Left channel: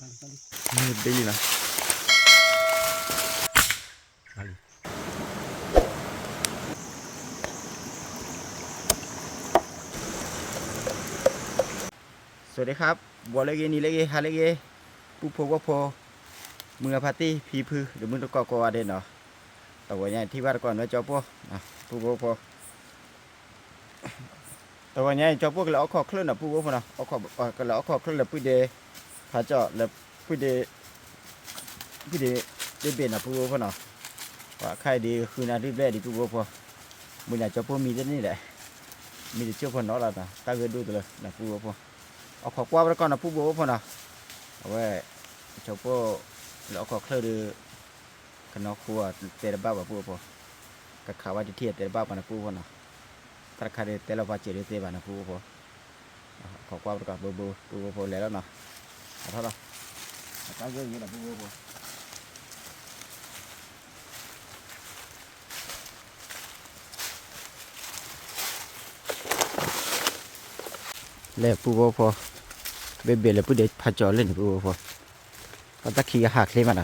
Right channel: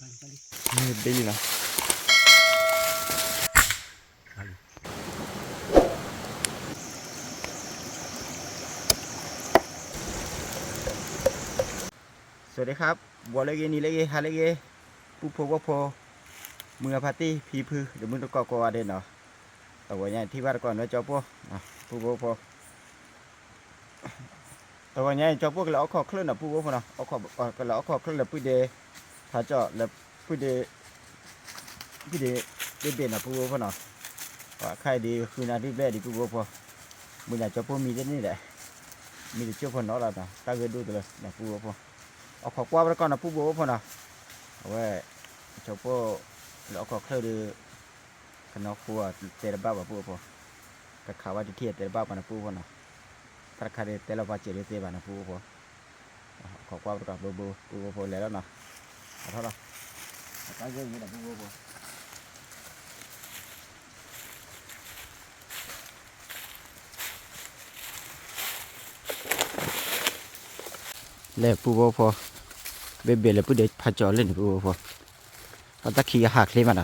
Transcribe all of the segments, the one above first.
นี่ได้ยินนะสวัสดีครับบัวเล็กนี่เล็กฮาเล็กผู้พบว่าพอเมื่อพาร์ตี้พีพือเดี๋ยวมึงต้องก่อเด่นเนาะแต่ว่าเนี่ยที่ว่าก่อนว่าเจ้าพวกผู้พบพอแต่ว่าเนี่ยเจ้าพวกเราเอาข้อเคลื่อนนะผู้พบพอเนาะเอาข้อก็เราเอาข้อเคลื่อนแล้วผู้เดพาเจาะแล้วผู้เดได้เบ็ดนะผู้พบพอเนาะว่าใครดีคือนาที่แรกดีผู้พบพอมึงอยากเจ้าพวกมีแต่นี่แหละมีแต่เจ้าพอเนาะแล้วนะตาเกิดดูตัวเลยนะผู้พบพอเอาขอกว่าแล้วก่อนนะผู้พบพอเนาะเอาไว้เจ้าพวกเราเอาข้อเคลื่อนดูขนมครัวเตะบ้าแบบผู้พอกับข้าวว่าที่เทียเตะบ้าปนะผู้พอเนาะถ้าใครเตะเราพาเจริญเตะบ้านะผู้พอขอกว่าแล้วก่อนบูผู้พอแล้วเนาะเอาเท่าไหร่ตาเกิดอยู่นะผู้พอแล้วผู้พอเบ็ดแล้วผู้เด็กพาจอเล่นผู้พอตอนตะขี้หักเลยมัน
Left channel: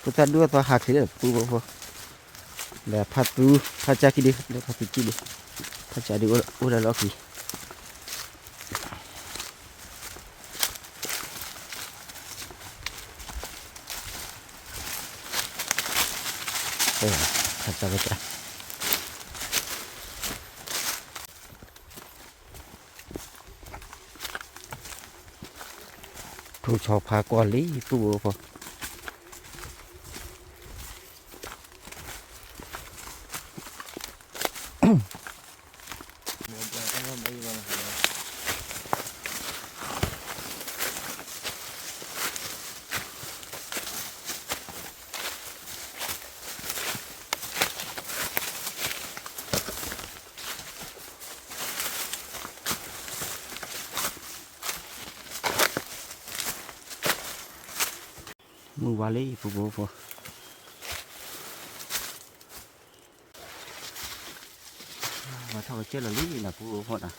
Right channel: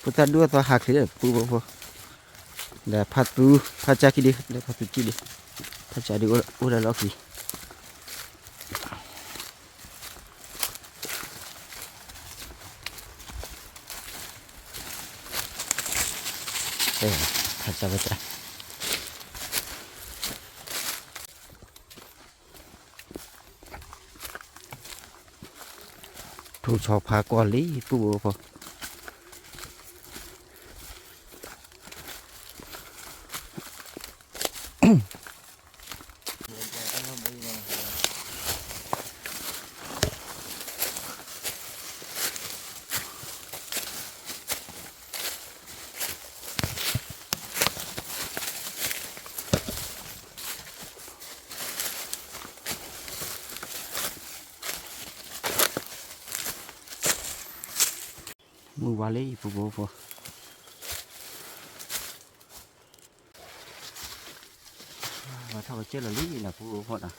ผู้ตาดูตัวหักเลยผู้พอแล้วพาจากกี่ดิแล้วพาตุกี่ดิพาจากดิอุระล็อกดิพาจากไปจ้ะถูกสอบพากรลีผู้พอมือวาลีผู้พอว่าเท่ากับเจ้าละลีนะผู้พอนะ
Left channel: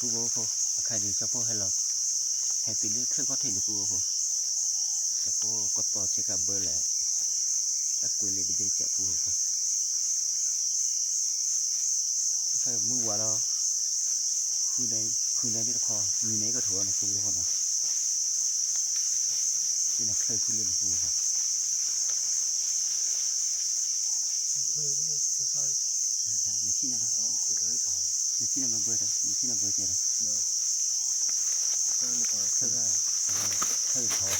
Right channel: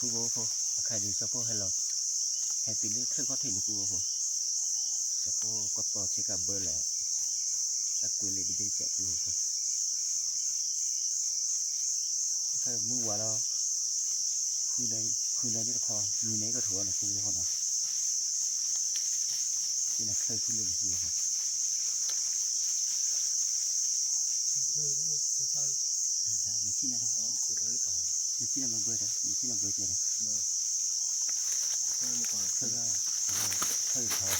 ผู้พอใครดีเจ้าพวกให้เราให้ตีเลือกเครื่องก็ถึงผู้พอเจ้าพวกก็ต่อเช็คกับเบอร์แหละตะกุยเลยดีเจ็บผู้พอใครมือว่าเราคือในที่ตะคอมีไหนก็ถั่วนะผู้พอนะที่นั่นเคยคุยเรื่องผู้พอไม่ขี้นะไม่ขี้นะมาเบอร์นะไม่ขี้นะเบอร์เจ็ดนะเคยได้เคยท้อง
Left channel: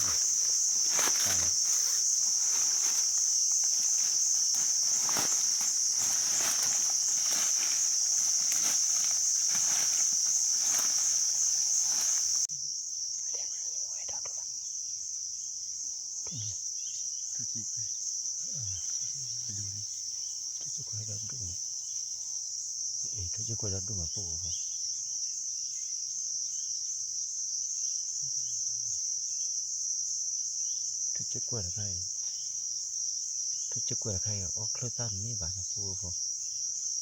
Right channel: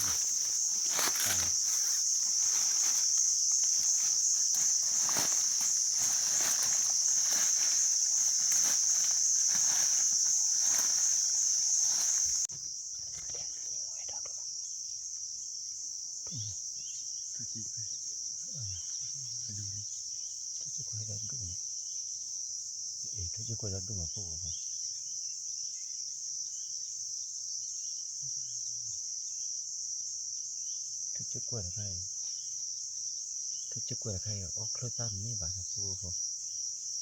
ตายทุกทีไปดูดิทุกทีก็รับดูนะทุกทีก็รับดูมาปุ๊บทุกทีก็รับใครทุกทีก็รับใครอ๋อเคลื่อนตามนี่บ้านนะปุ๊บ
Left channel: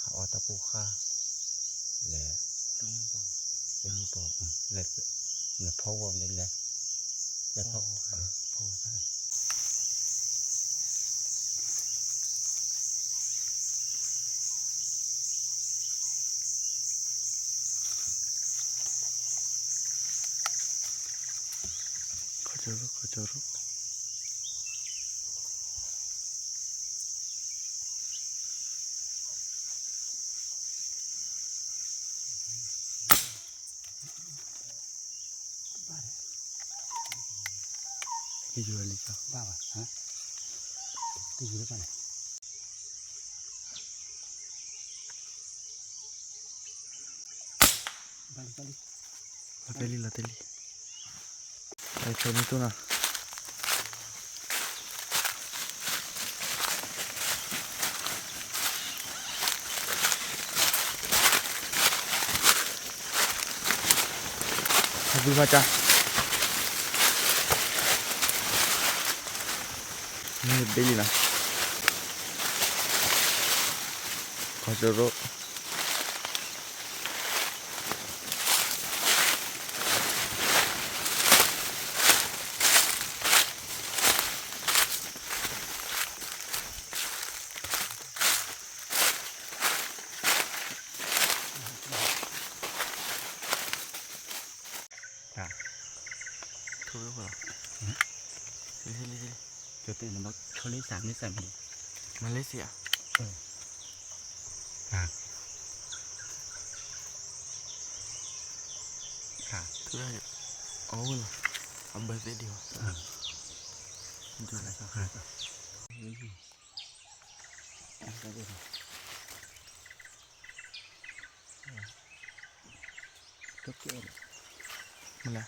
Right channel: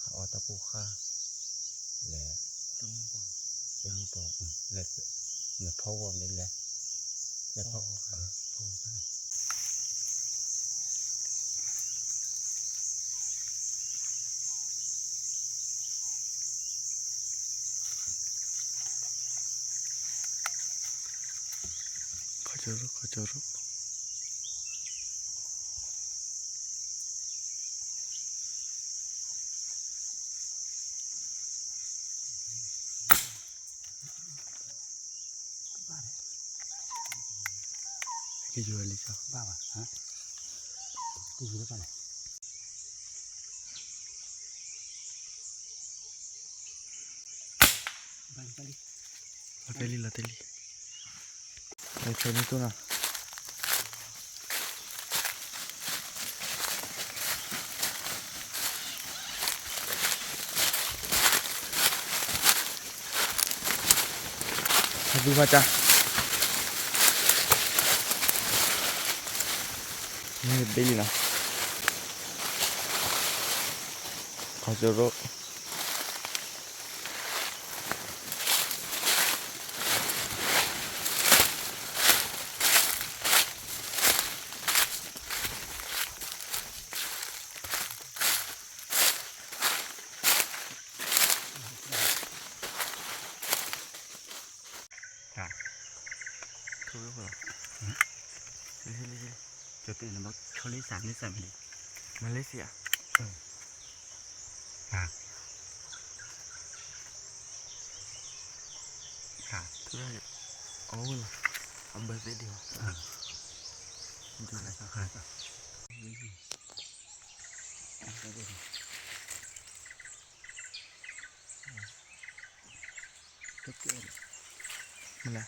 หาอตะปูข้าแหละตุ้งปอเป็นนี่ปอแหละแหละพ่อวอมนี่แหละแหละพ่อใช่ขอเจอรูที่อยู่อะไรจ้ะบ้าป่ะฮะที่อยู่หรือเปล่าla teli ahí está mi tuna ดูมาจ้ะนี่ดีนะขอจะรบถูกหรือเปล่าจะตื่นมาชนลิสามนี่สั่นมาเลเซียทุกอย่างเอาเหรอทำเบอร์เสียดีวะดูอะไรสักหน่อยป่ะก็เกลือมันละ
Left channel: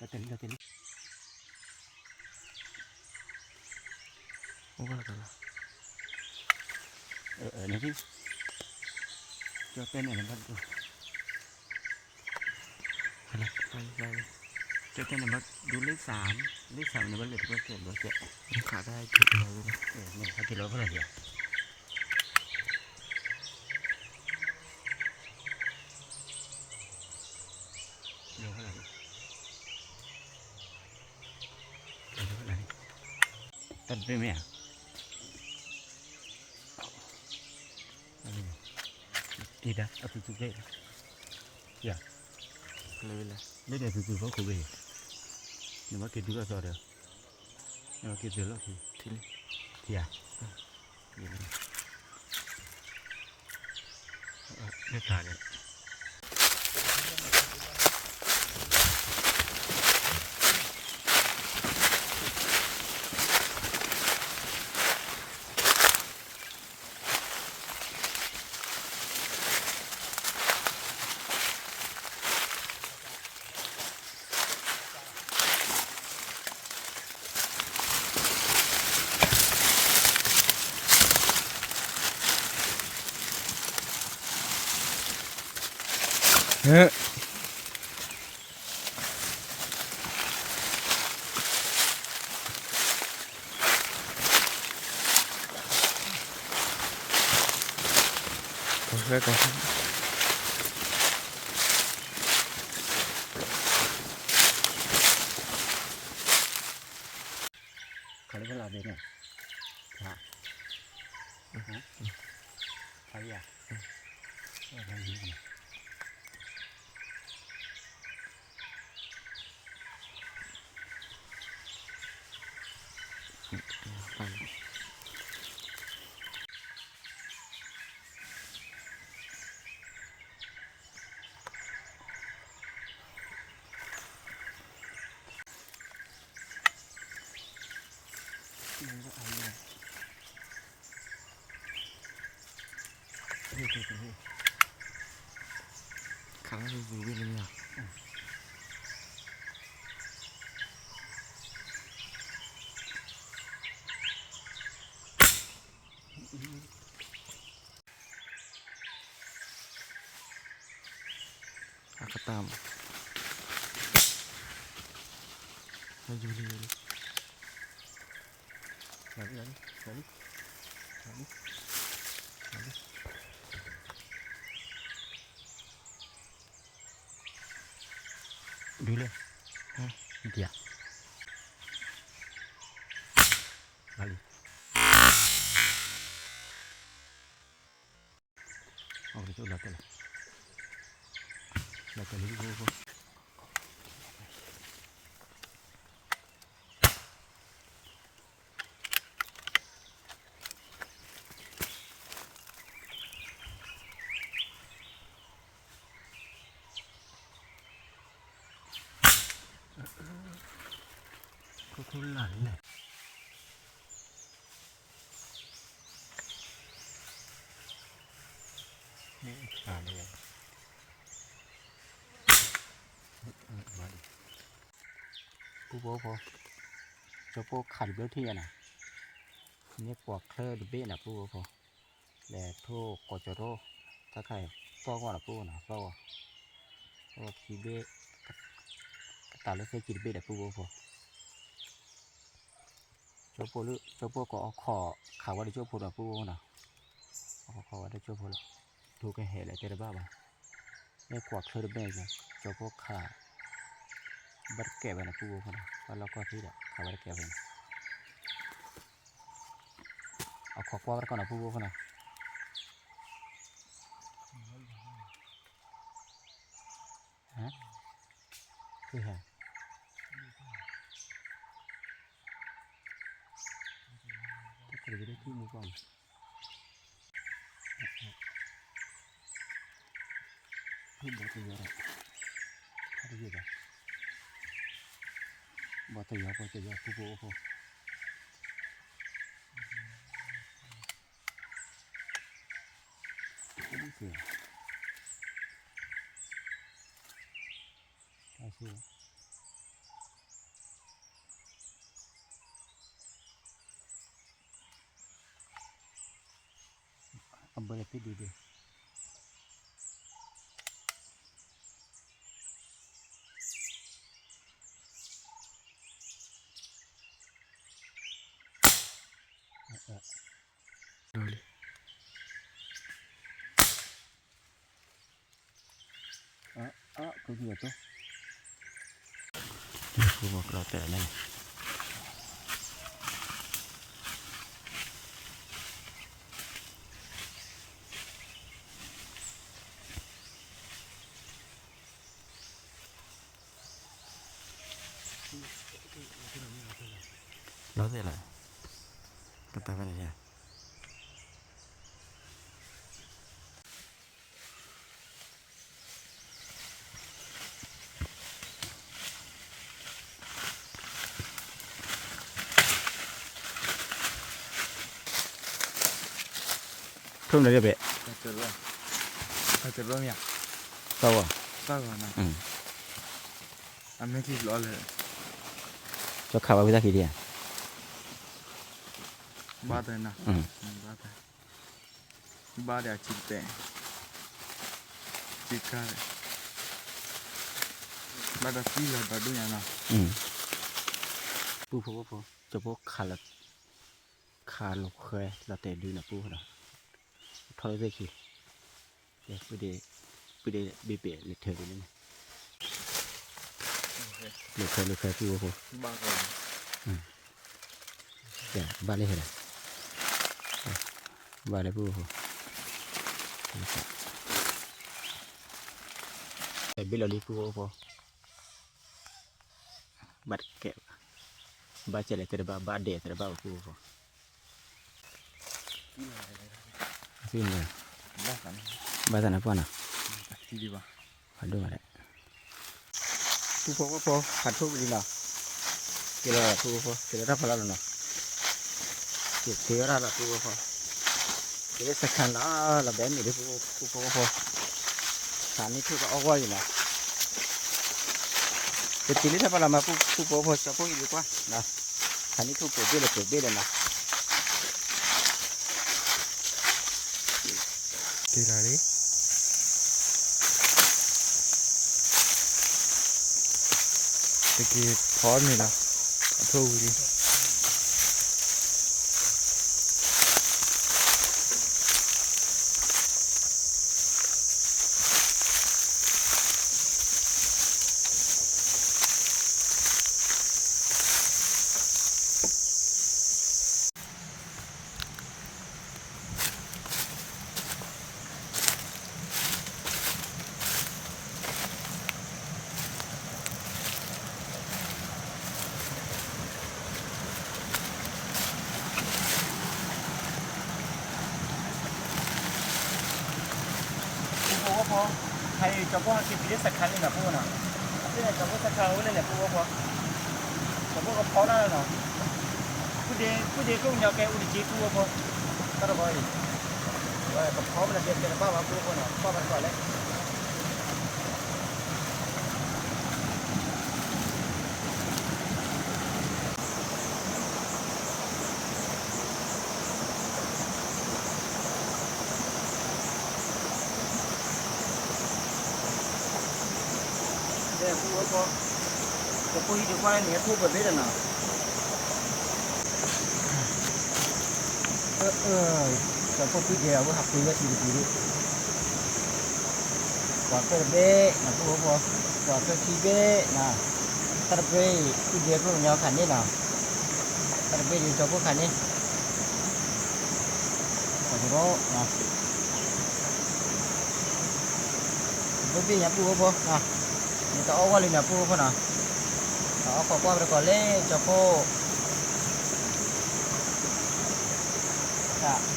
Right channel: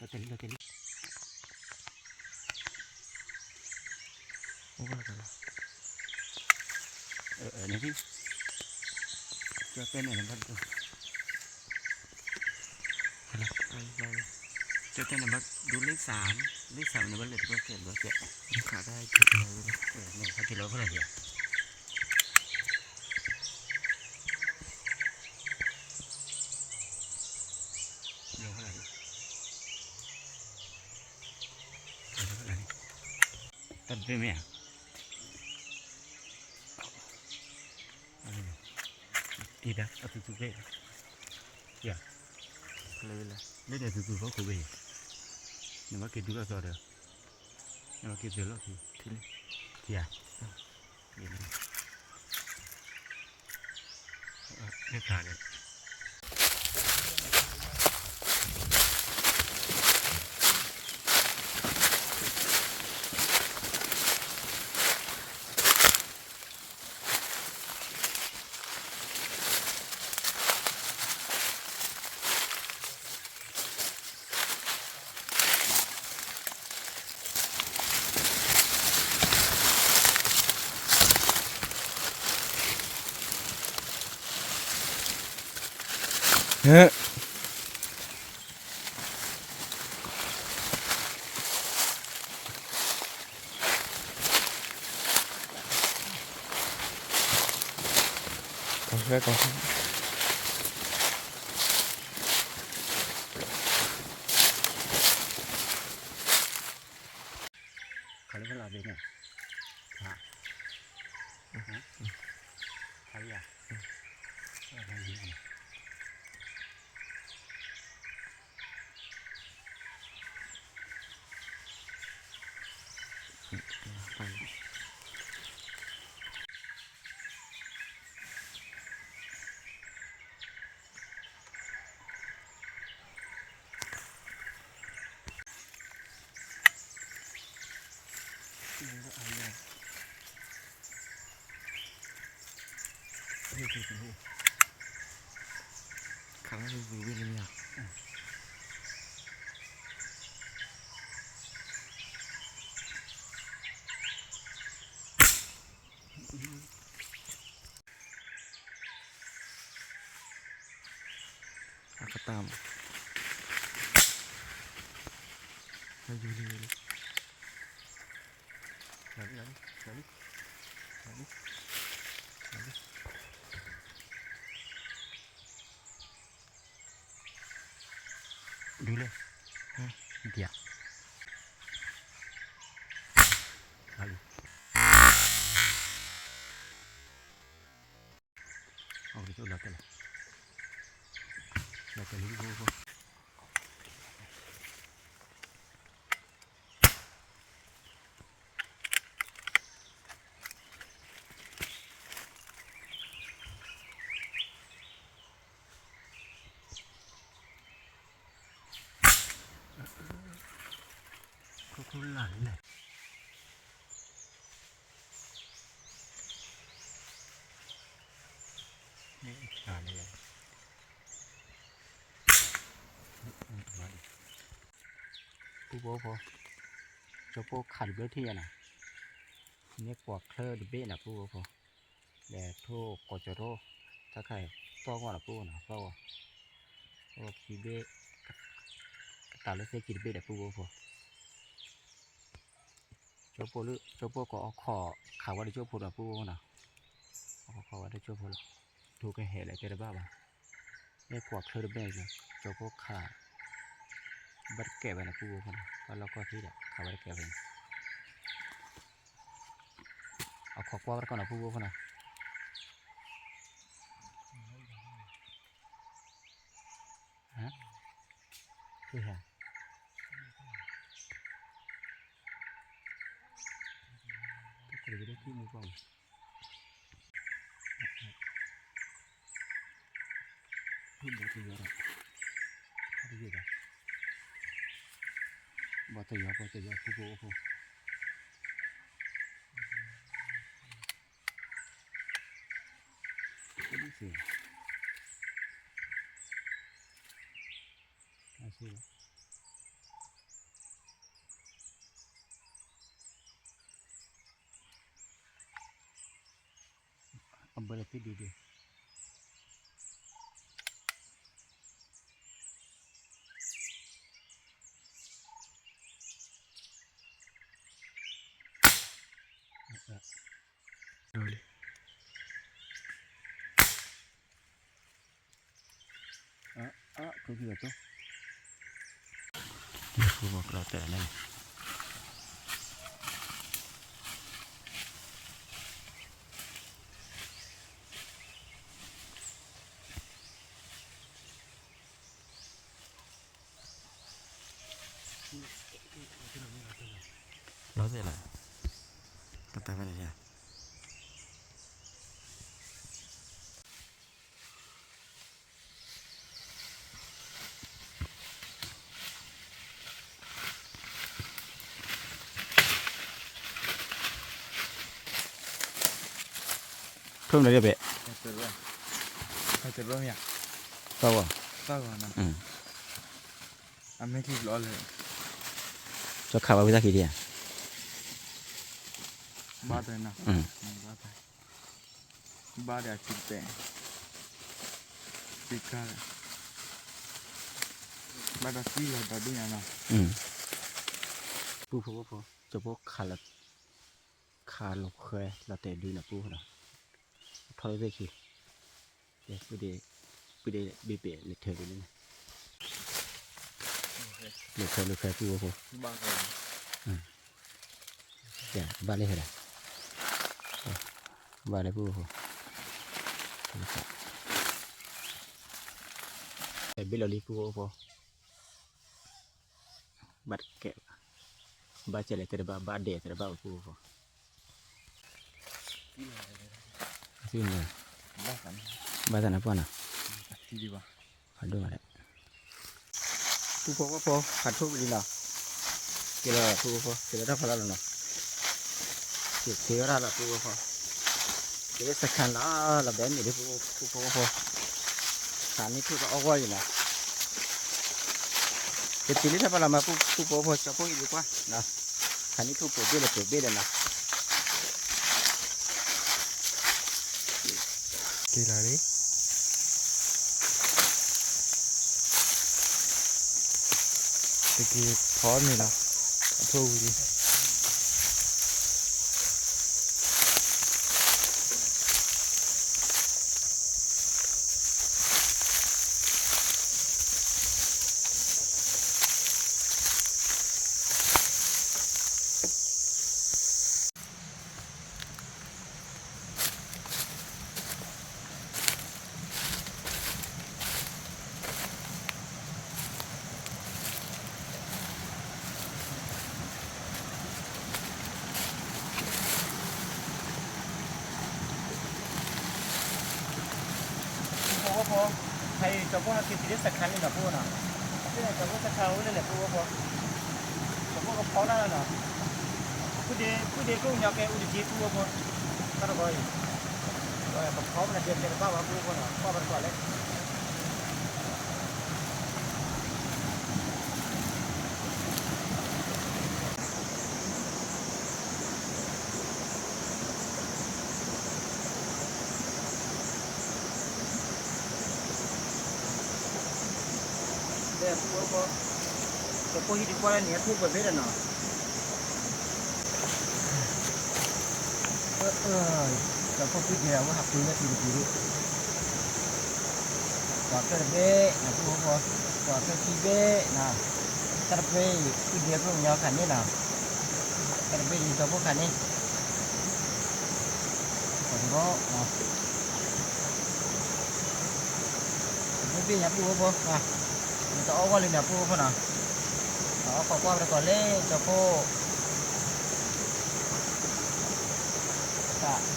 ก็เต็มโอ้ก็แล้วกันละนี่พี่จะเต้นอะไรบ้างกูอะไรไปจะเต้นอะไรบ้างดูเลขสามในบ้านเหลือที่เจ็ดขาได้จุดเดียวเลยเนี่ยเขาจุดแล้วเท่าไหร่เดียวเท่าไหร่ตัดไปไหมอ่ะดีนะเอาตุ๊กเล่อย่าเลยไม่ได้ตุ๊กเขาคุยเนี่ยมาเกิดดูแล้วซอเดียวเนี่ยมาเกิดเสร็จแล้วทีนี่อ่ะไม่ขาดเลยก่อนเขาเรียกว่าอะไรเนี่ยค่ะใครอ่ะอะไรเนี่ยไปครั้งนี้วิ่งเลยเนี่ยก็ตามให้อยู่ดีเลยดูเลยฮะเดี๋ยวเอาไปจุดละกันละกันรู้ นี่ขาเลยมาดิผู้โบพอเจ้าพวกขัดเบื้อที่น่ะนี่ปวกเคลอดิเบ้น่ะผู้โบพอแต่โทกอจโรถ้าใครฟ้องว่าผู้น่ะฟ้องว่าคีเบ้ตาเลือดเส้นคีเบ้แต่ผู้โบพอเจ้าพวกเจ้าพวกก็เอาคอข่าวว่าได้เจ้าพวกน่ะผู้โบน่ะเอาคอว่าได้เจ้าพวกถูกกันเหตุอะไรเจอบ้าบ่นี่ปวกเคลอดิเบ้จ้ะเจ้าพวกขาบัดแก่ไปนะผู้โบพอนะว่าเราก็ที่แหละขาบัดแก่ไปเอาขอกว่าก่อนนะผู้โบพอนะฮะคือฮะก็จะได้ที่มือก่อนพูดบอตัวเยอะถ้าได้เยอะบอตัวเยอะผู้โบพอก็ดีสิอาชีพอันเบอร์เป็นดีดูเลยคือเยอะตัวผู้บอกเราแต่นั่นเราเสร็จแล้วก็ตายไปเลยจ้ะเพิ่มเลยจะเบะจะรู้เนี่ยเศร้าอ่ะตั้งก่อนนะไม่คิดร้อนเลยจะข่าวว่าวิธีกี่เดียบ้าเลยนะบ้าเดี๋ยวจิตเตะจิตกันบ้าจะซีละบ้าดูยังนะปูพอจะพวกขาลกเคยเราแต่ดูนะปูนะทอดได้กี่เดี๋ยวไปเดเบะเลยเธอดูนี่เลยเคยปูพอบ้าเลยเดี๋ยวบ้านเลยเหรอบ้านเลยปูพอแต่เบลลี่ปูพอบัดแกะบ้าเจริญแต่บ้าเดแต่บ้าปูพอซึ่งเนี่ยบ้านนั้นพ่อน่ะที่ดีป่ะผัดด้วยอะไรปูพอก็พอผัดทุกทีน่ะเกี่ยวกับปูพอเกี่ยวกับพลังน่ะเกี่ยวกับปูพอเกี่ยวกับสักขันละแบบนี้ดิปูพอขันนี้ทุกเอาไว้น่ะจะตีลิซ่าพลังมาปูพอจะพูดดีกว่านะขันนี้ทุกปูเบี้ยนะกี่ไรดิตะกี้พร้อมนี่ละทูดิพอใครจะพวกกินตีสักคันเลยนะพวกน่ะนี่แหละจะพวกสักคันนี่แหละพวกจะพวกก็พอแล้วเนาะผู้เดียก็อยากแกอุดจีพวกตลอดไป ว่ากับเขามันเดือดเป็นบ้าว่าผู้คนเนาะข้อมันก่อนเลยเดี๋ยวผู้ก็จะพูดที่ดีกว่าเนี่ยผู้เป็นเบ็ดเนาะจะพูดคุยเดียวว่าหักปืนได้ทีเดียวกว่าเกิดเบ้นะผู้ก็กว่าเกิดขี้เบ้นะถ้าเบ้ขี้เดียวก็มันยาวขันนี่นะถ้าเบ้ดีตัวพวกขันนี่แต่ก็นะผู้พี่เนี่ยผู้ก็นะมันจะเอาว่าเลยนะผู้ก็นะเอาขอความไปก่อนเลยจะพูด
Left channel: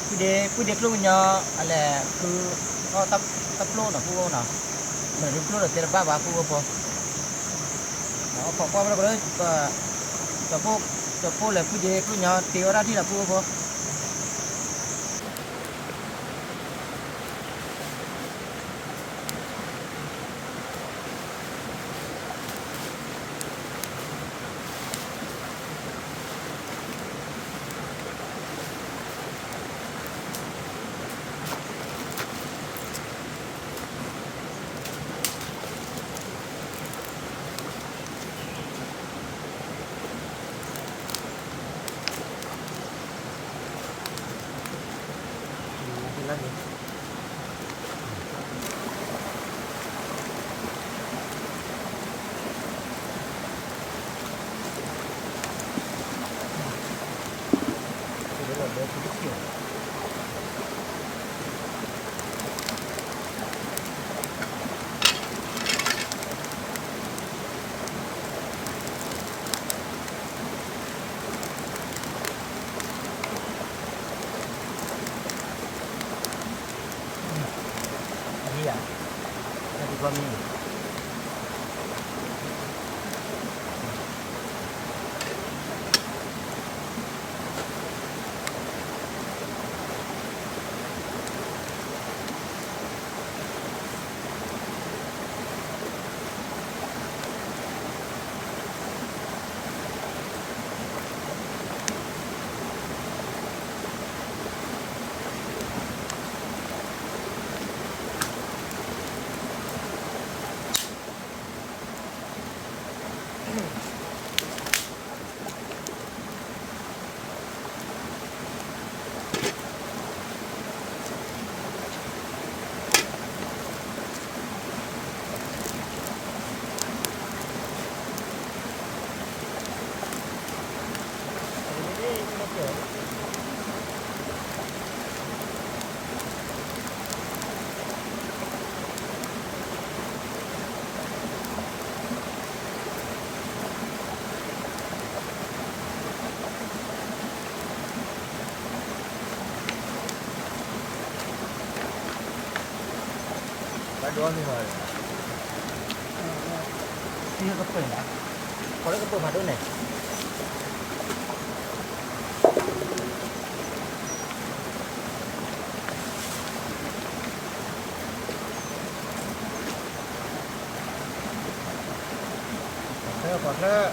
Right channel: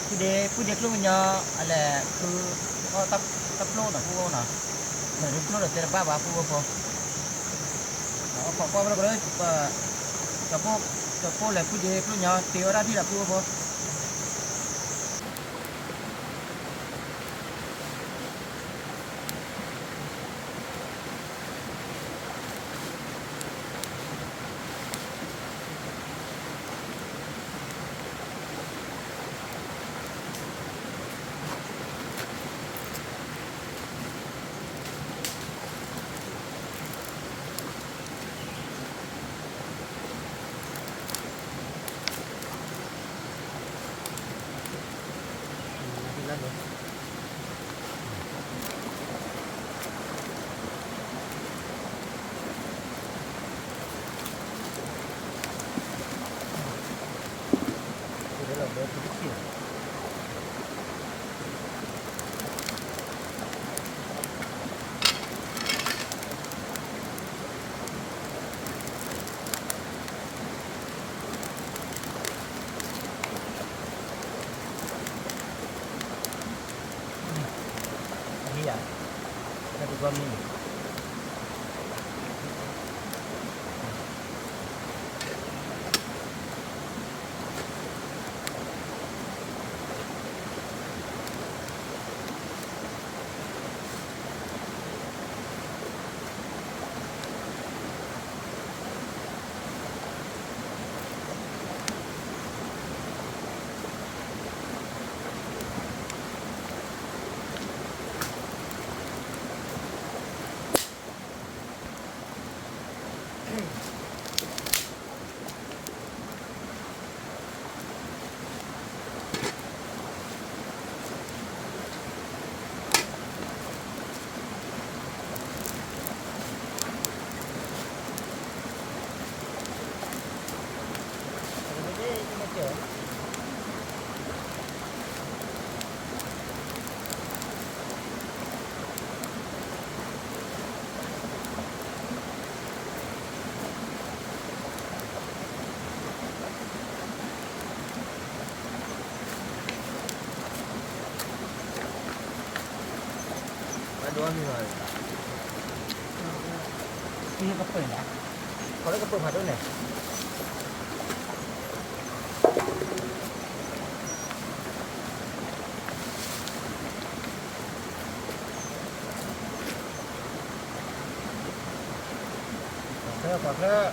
ผู้เด็กลูกเนาะอะไรคือก็ตับโลนะผู้นะเหมือนโลนะเป็นบ้าผู้ก็พอเอาขอความไปก่อนเลยจะพูดเลยผู้เด็กลูกเนาะตีว่าที่ละผู้ก็พอนั่นเองเดี๋ยวเราเดินไปที่เขียนนี่อ่ะถ้าดูก็มีดูนี่เลยพี่ก็เปิดนะพอแล้วก็เปิดมาด้วยเนี่ยขอเถอะ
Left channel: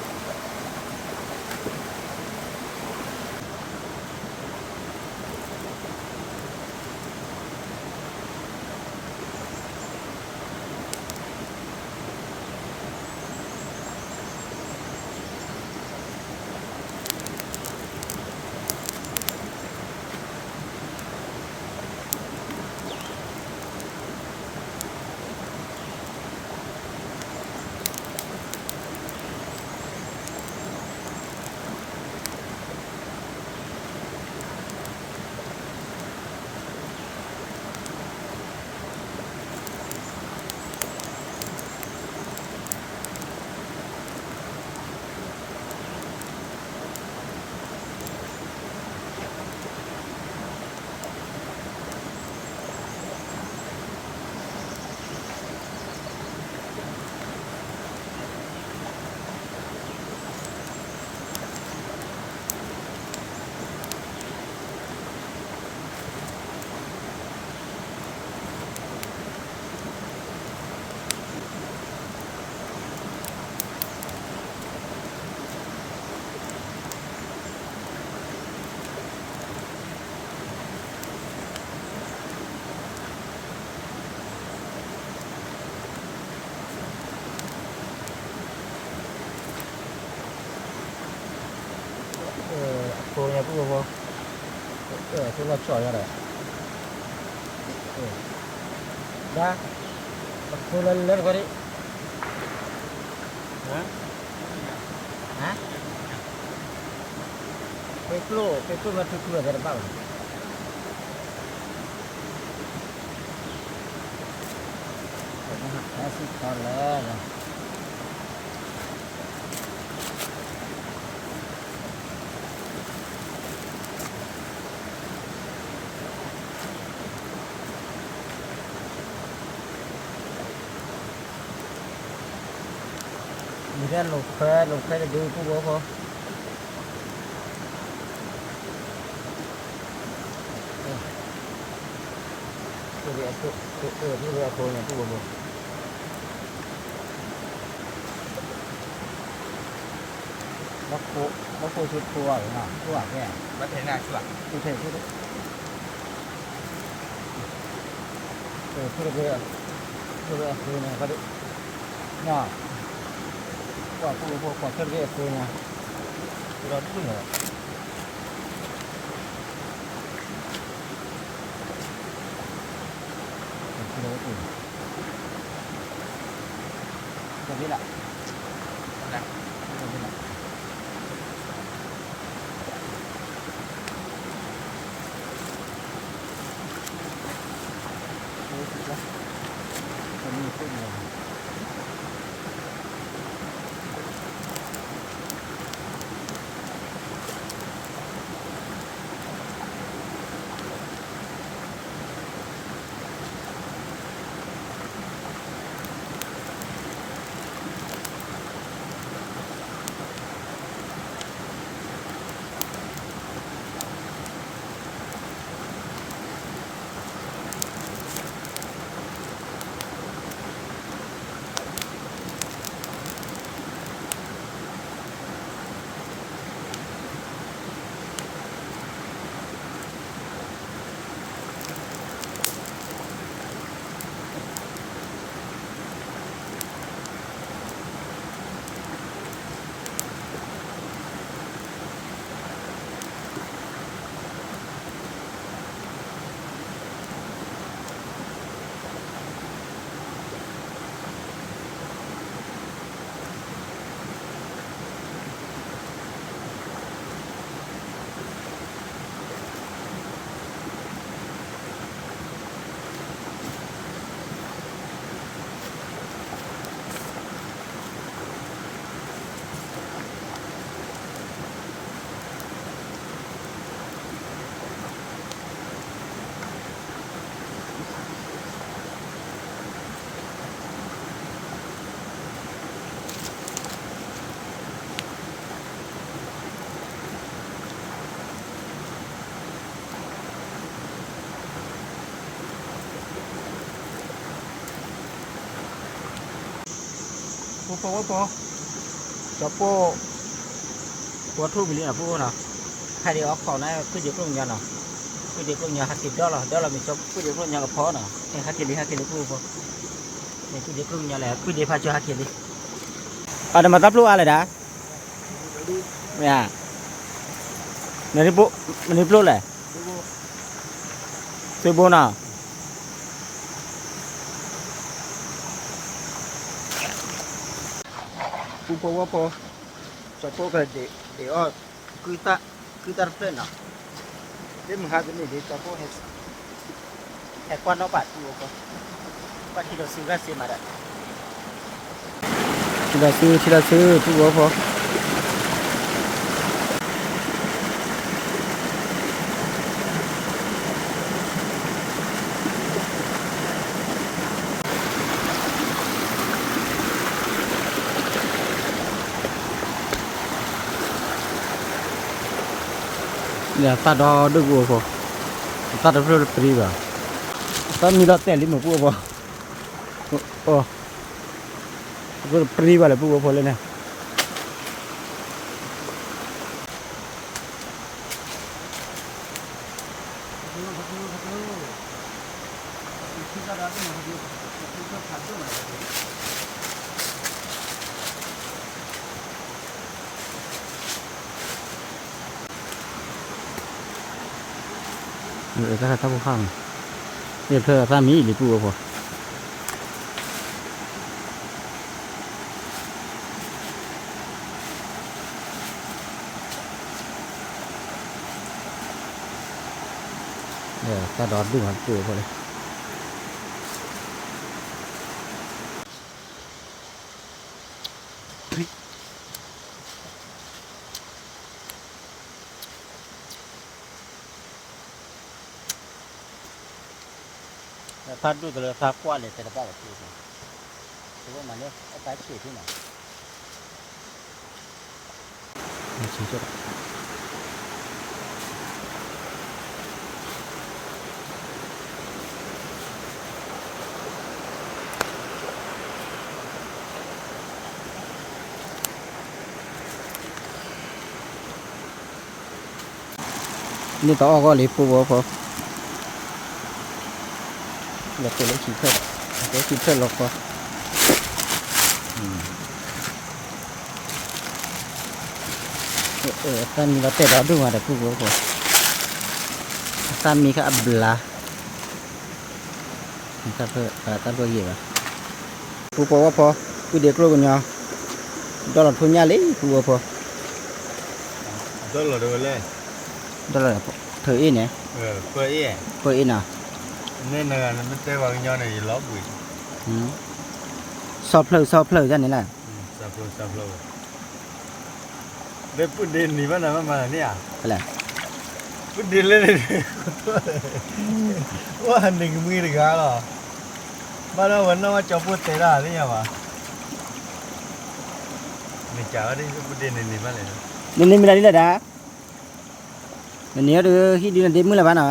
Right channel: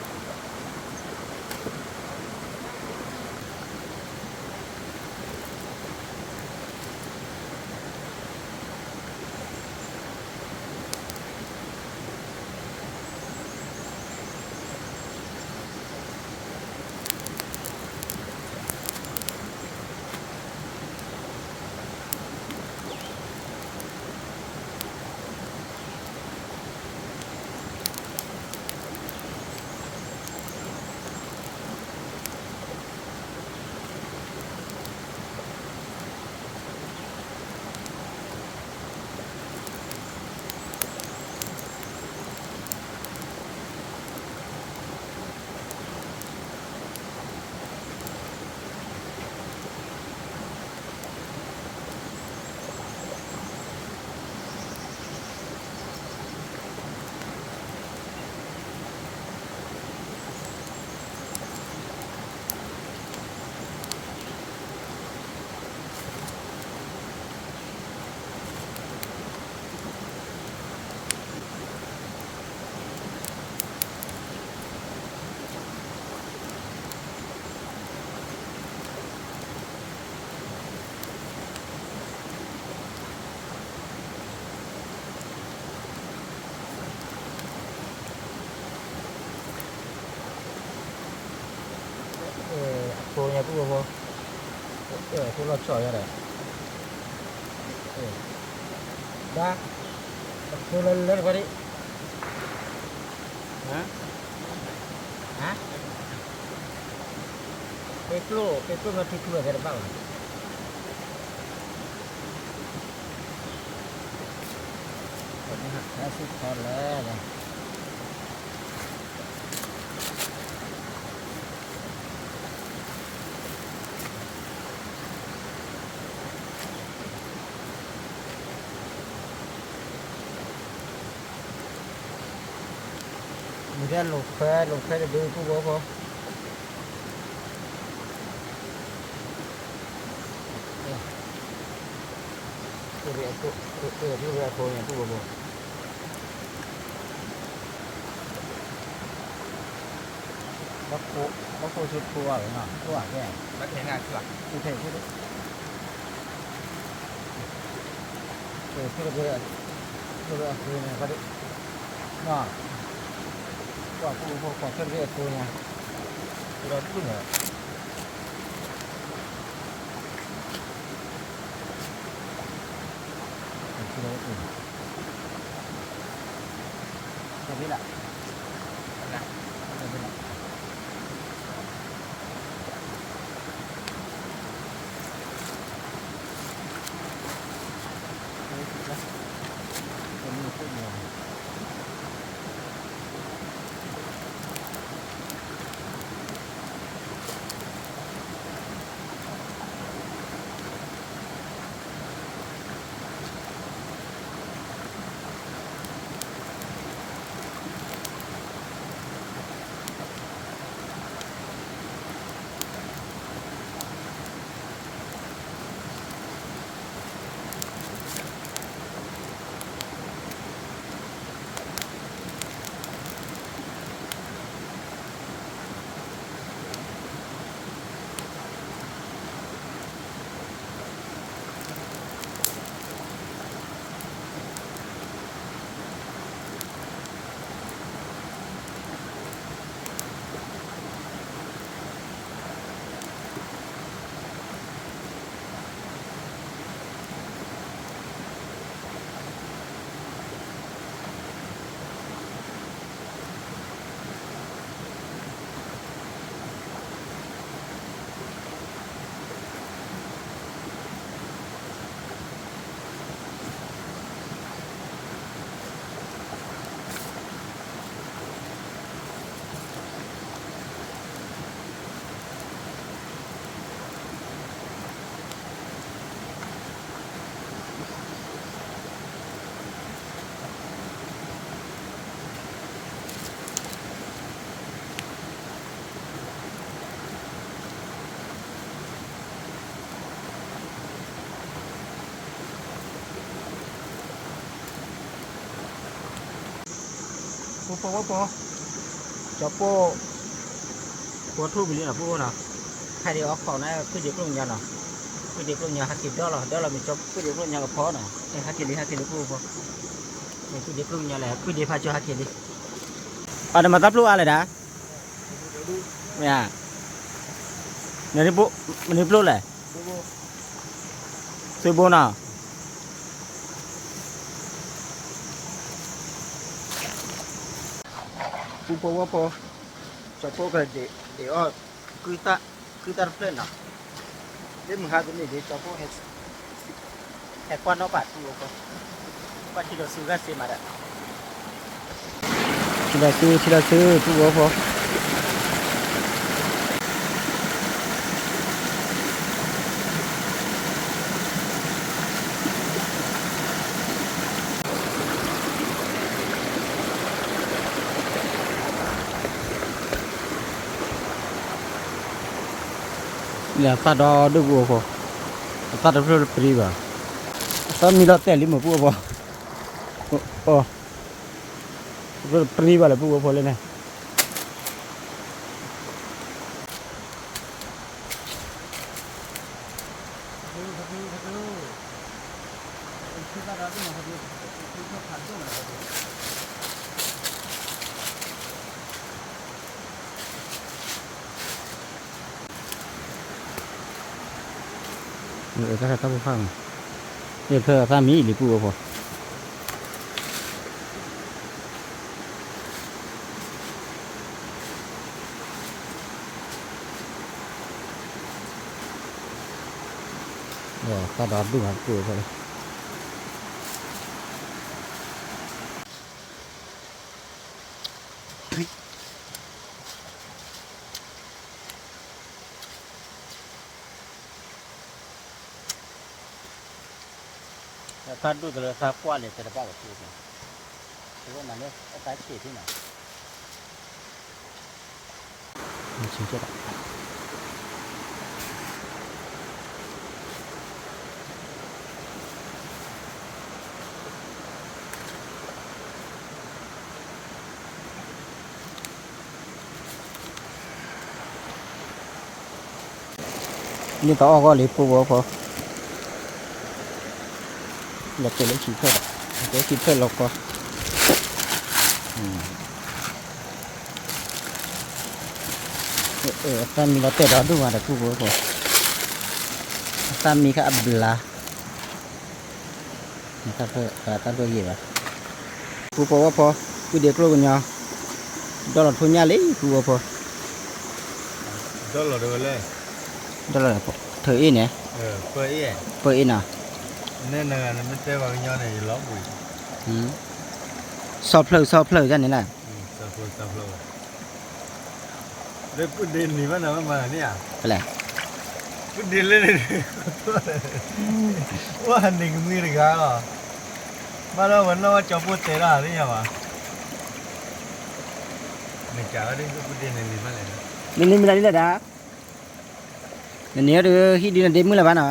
ผู้บ่ผู้เราช่วยอะไรได้ผู้เราเล่นกว่านี้ฮะไปกลัวมาทุกข์อะไรบ้างแค่สุดตอนแล้วมีเรื่องลูกเคยดูผู้บ่พอผู้เรียนผู้เรียนผู้เนี่ยผู้บ่แล้วผู้ชุดผู้อะไรเนาะผู้อะไรแก่ไม่ใช่งานผู้ผู้เทผู้ผู้เรียนผู้เนี่ยก็ได้เนาะว่าผู้ผู้เรียนผู้เนี่ยเราดูเหรอผู้เรียนผู้ก็ได้ละนะก็ได้ละก็มีผู้เดียวผู้จะผู้ทุบไปเลยนะผู้นะใครเดี๋ยวเอาของนั้นคือเดี๋ยวกลุ่มยันเนาะคือเดี๋ยวกลุ่มยันหักกินเดี๋ยวเรามีจบคือเดี๋ยวกลุ่มยันกับพ่อเนาะหักกินผู้นี่คือเดี๋ยวกลุ่มยันแหละคือเดี๋ยวพาจะหักกินดิada mata peluอะไรdah ya ini pelu lah seribu na apa siapa kalau dia kita plan lah dia menghadap ni dia siapa hekwan apa tu apa kilo sugar sih mana tidak tu apa ya tak ada dua apa tak ada periba tak ni dah teli mau apa oh periba lah apa boleh ni ก็ถ้าผู้ข้างเนี่ยเพื่อถ้ามีหรือปูพอถ้าดอดดูครับปูพอเลยพัดดูแต่ละพักกว่าเลยแต่ละป้ากับปูเนี่ยคือว่ามันเนี่ยไอ้ตายเกลียดที่ไหนไม่ชี้จุดนี่ต่อก็เลยปูพอเราตัวเล็กสีเพิ่มเล็กสีเพิ่มเราก็ตอนนี้เราเตะเราดูมาแต่ปูพอตอนมีก็อับลาถ้าเพิ่มตอนเพิ่มกี่บาทปูพอว่าพอปูเด็กรู้กันยังดอลลาร์ทุนยาเลยปูพอดอลลาร์เท่าไหร่ดอลลาร์เธอเองเนี่ยเพื่อเอ๊ะเพื่อเองน่ะเนี่ยนะมันเตะว่าย้อนในล้อบุยสอบเพลอกันนี่แหละสอบเพลเด็กพูดดินนี่มันอะไรมาเนี่ยอะไรพูดดินเล่นว่าหันหนึ่งมือหรือกันหรอบ้านเราเหมือนว่าจะพูดเตะได้หรือยังวะไม่จ่ายดิพูดดินนี่มันอะไรนะนี่ไม่ได้เลยนะนี่เดี๋ยวที่ดินเด็กมือละบ้านเหรอ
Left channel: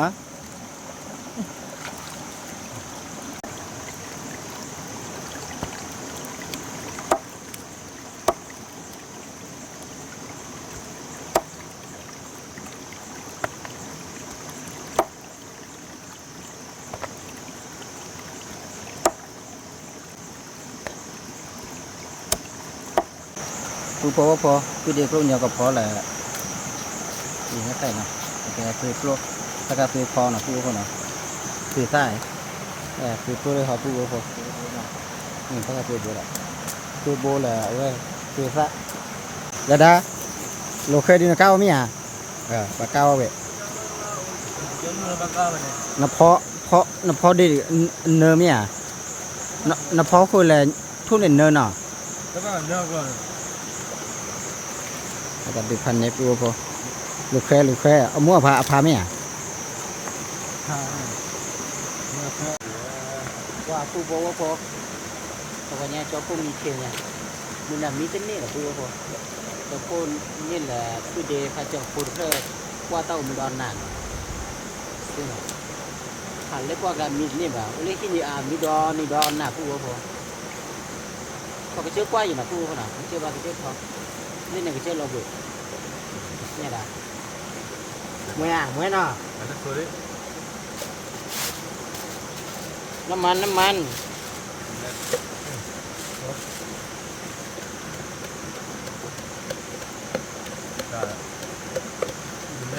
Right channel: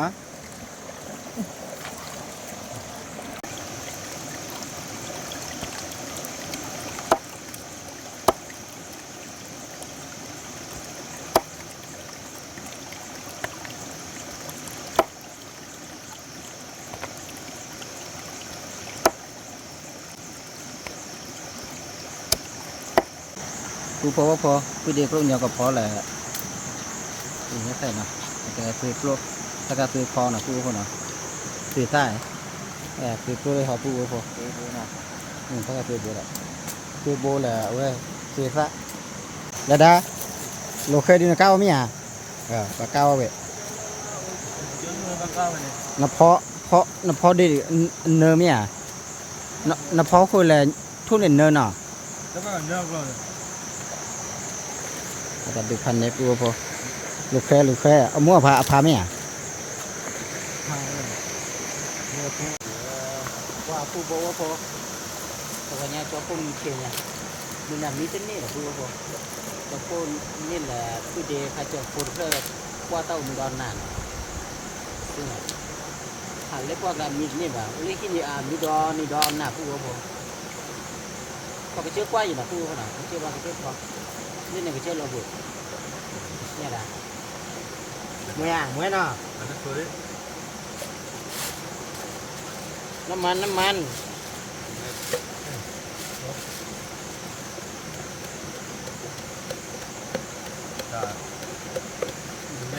ปูพอว่าพอปูเด็กรู้เนี่ยก็พอแหละอีกแค่ไหนเนาะแต่ปูโปรถ้าก็ปูพอเนาะปูพอเนาะปูใต้ปูโปรเลยเขาปูพอถ้าก็ปูโบละปูโบละเว้ยปูซะแล้วด้าโลเคดีนะก้าวมั้ยอ่ะปากก้าวเว้ยน้ำเพาะดีเนื้อมั้ยอ่ะน้ำเพาะคืออะไรทุ่นเนื้อเนาะแล้วก็เนื้อก็แต่ดูพันเนี่ยปูพอลูกแค่เอามั่วพาไหมอ่ะว่าปูบอกว่าพอแต่ว่าเนี่ยเจ้าปูมีเพียงไงมันน่ะมีเป็นนี่หรอปูพอเจ้าปูนี่แหละที่เดย์เขาจะปูเพื่อว่าเต้ามีดอนนานซึ่งหันเล็กว่ากันมีนี่แบบเล็กที่มีมีดอนหน้าปูพอเขาก็เชื่อกว่าอยู่นะปูเขาหน่ะเขาเชื่อว่าเขาเชื่อพอนี่เนี่ยก็เชื่อเราอยู่เนี่ยนะมวยเนาะน้ำมันได้ไม่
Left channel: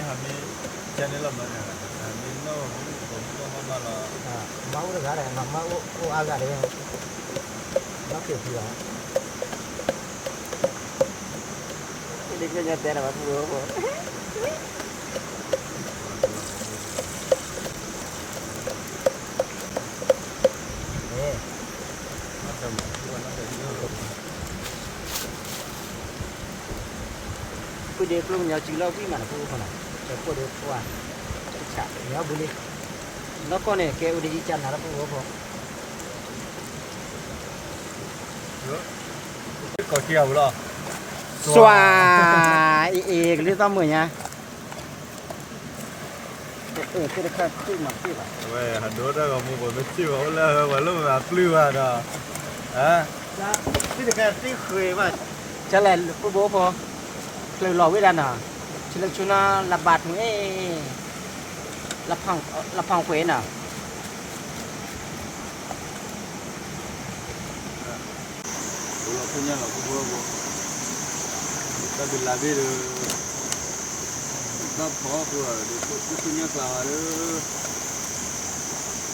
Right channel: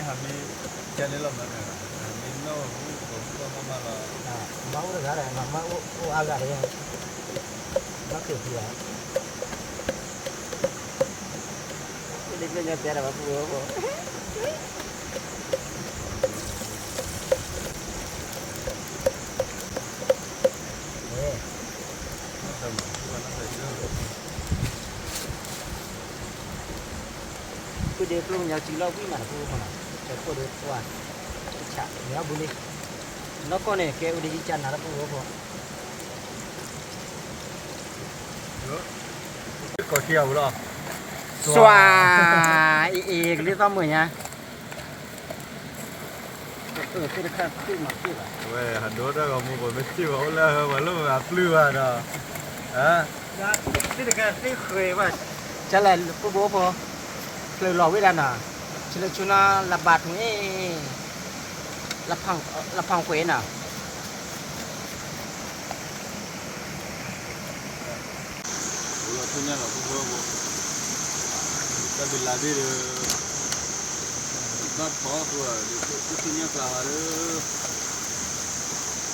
ทำนี่แค่นี้เราไม่เนี่ยนี่โน่ผมก็มาละเมาเลยอะไรมาโอ้อาอะไรยังมาเกี่ยวที่แล้วเด็กเล่นยาเตะอะไรวะพูดกูเด็กลงยาจีเราพี่มันพูดขนาดแต่กูเด็กว่าฉะเนี้ยบุญนักก็เนี่ยแกอุดจิจันนะพูดพอก็เที่ยวหรอสวายอีกหรือต้องมือเนี่ยคือจะขึ้นมาที่ว่าเว้ยหันดูได้ก็มึงก็ไม่ชิวเอาแล้วว่าแล้วแบบปลื้มอ่ะเนาะที่จะที่เคยว่าจะแหละกูบอกพอเลยหล่อไว้ด้านน่ะชิลชุนาระบาดหัวรับพังเขวนน่ะเราทุนยังเรากูบอกแต่บิลลาบี ก็พอคือจะขึ้นยากลาเด้อ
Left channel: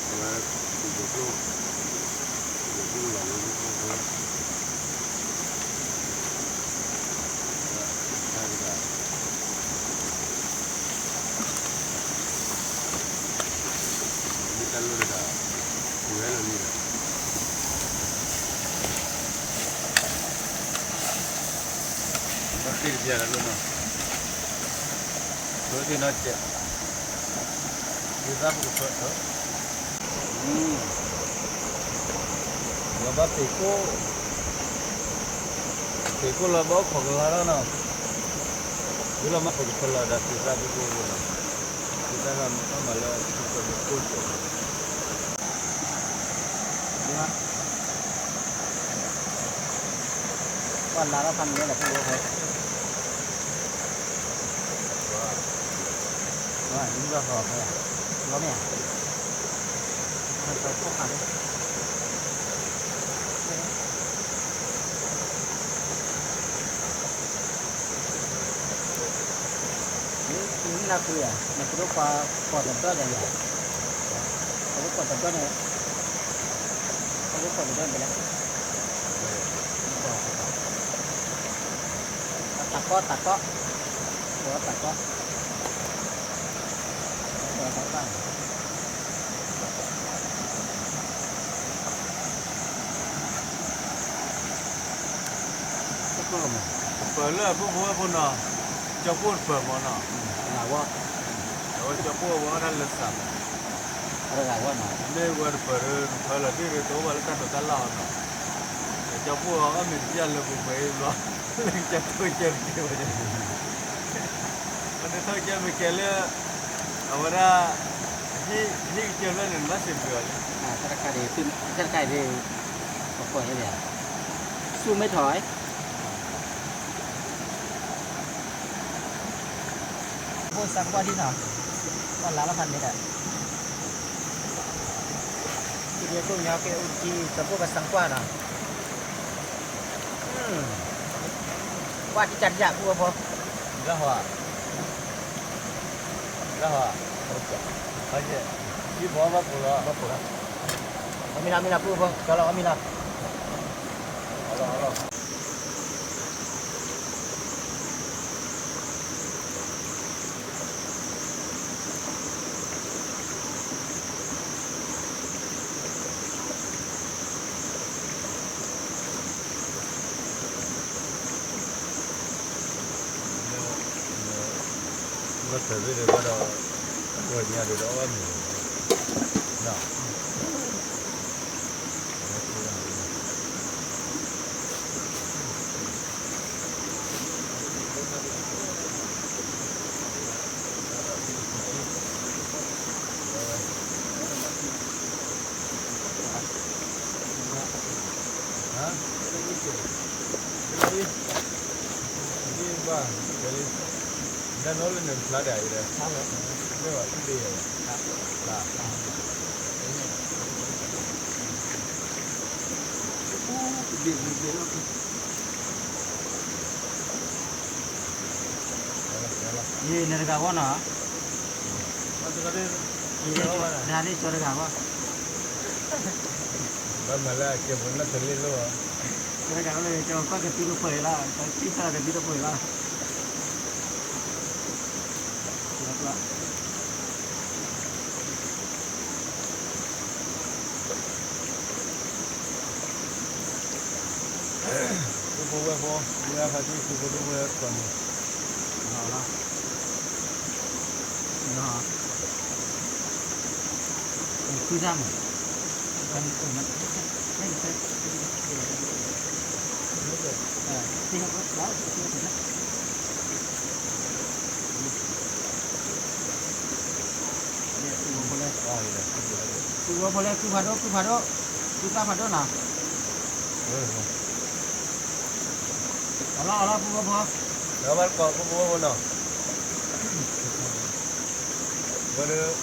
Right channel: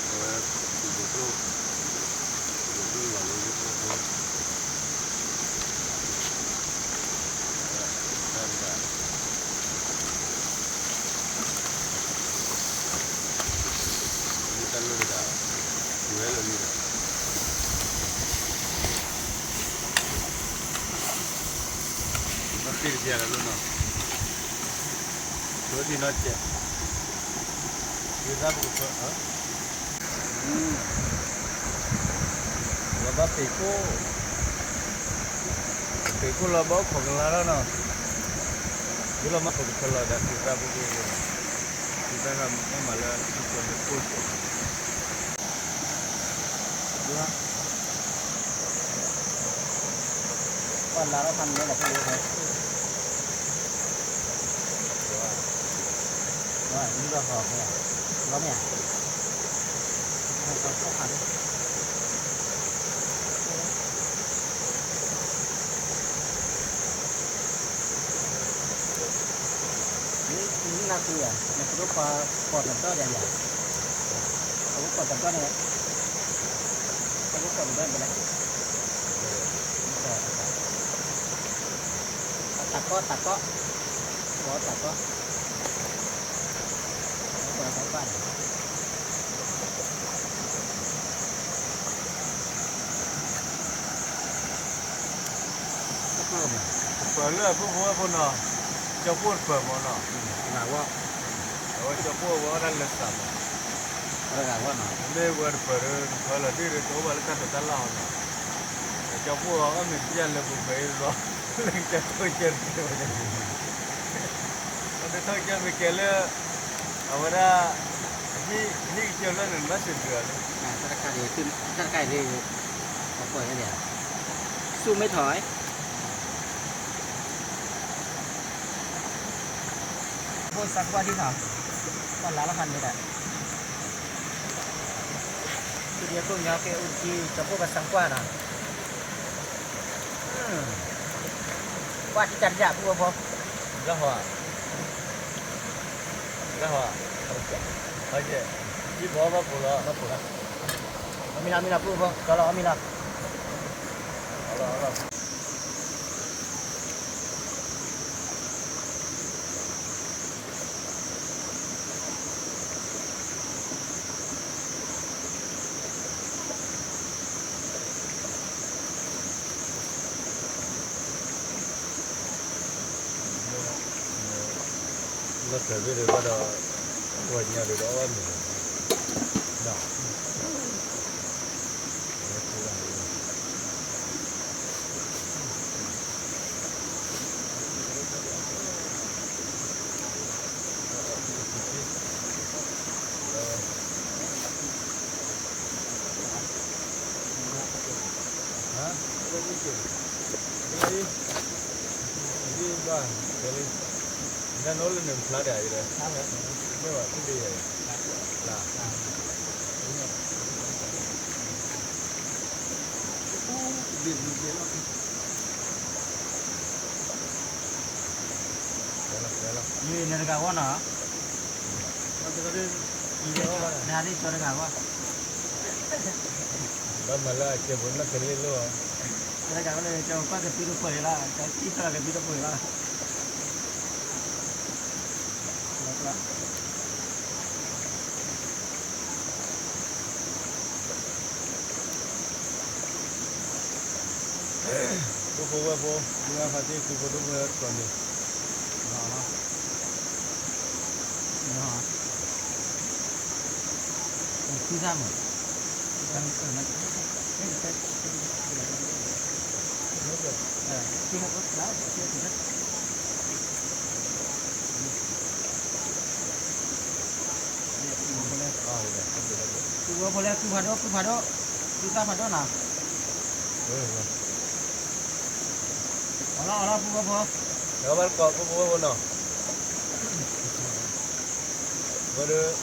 แต่ว่าถูกโลกหล่อเลยทุกคนได้ไหมครับนี่ตันเลยครับหัวเลยนี่นะต้องตีเสียแล้วลูกเนาะรถที่น่าเจ็บยืนรับกูเพิ่มเราบ้าปีโก้เราบ้าของเราเนาะกูเรามาฝึกคนเราดัดที่รับกูเนาะที่ถ้าทำต้องมาแล้วทุกคนจะพูดเจ็บก่อนลาเราทำนี้แหละพี่โอ้ว่านี่ก็พอแล้วแล้วเนี่ยมันก็เข้าผ่านนี่น่าเกลียดมันคือปลาปอดมันก็ใหญ่เขาปอดมันก็เนี่ยเขาปอดมันก็ไปแล้วตัดก็หัวตัดก็หัวตัดไปเปิดเลือดพวกหัวพวกเนาะจะพูดเปิดมันเนาะ หนาว่า เราจะพูดว่านั่นเลือดสับ อะไรว่าหนา เลี้ยงเปิดเขาเลยที่เราตัวเรากันตลอดเนาะจะพูดว่าก็มีเสียงเลยผมไปรอเรื่องจะพูดเจอที่ว่าจะมันจะต้องจะมีเกลือเอาไว้ได้นี่เจอแล้วหนึ่งมาสิบเดือน ถ้าใครดีขึ้นถ้าใครดีก็ปล่อยให้เลยสู้ไม่ถอยพูดสักว่าที่หนอตอนละพันนี่แหละทีเดียวตัวยาวเกอุจีกับพวกกันสังกว่าน่ะว่าที่จันยาพวกพอ แล้วหัวเขาจะที่บอกว่าปุ๋ย มาปวดแล้วมีนาพูดพอก็รอมีนา nó trở về đây bắt đầu ngồi nhà được đó mình nào hả cái gì ba cái nó nói lên lá đầy đây nếu mà cái gì là ये नरगा हुआ ना और तो कभी ये नारी चोरगा हुआ बस मला के बोलना चले लो नरगा वाले जो का के पीरो पड़ेला का तीसरा के पीरो पड़ेला लगला cô mua phải đi cô mua còn nhiều đó đó cứ ra mà ăn ở mặt cái khi học đó chưa thì rất boleh cứ phado cứ ta phado nào Allah phu đó bắt có mua nào bữa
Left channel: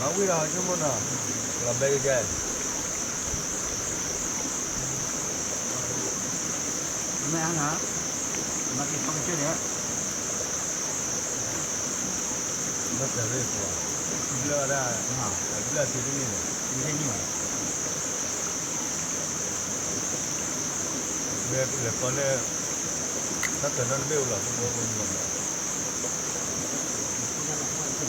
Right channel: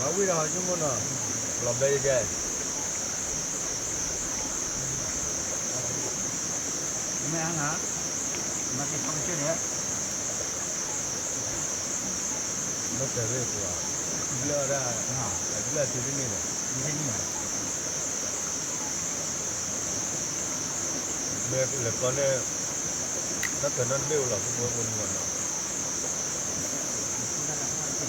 máu quý rồi chứ muốn nào làm đây chơi mẹ ăn hả mà thì không chơi đấy 那这位不啊？不了的，啊，不了地里面的，你看你们，没不了过来，那可能没有了，不过我了。不看了，我听。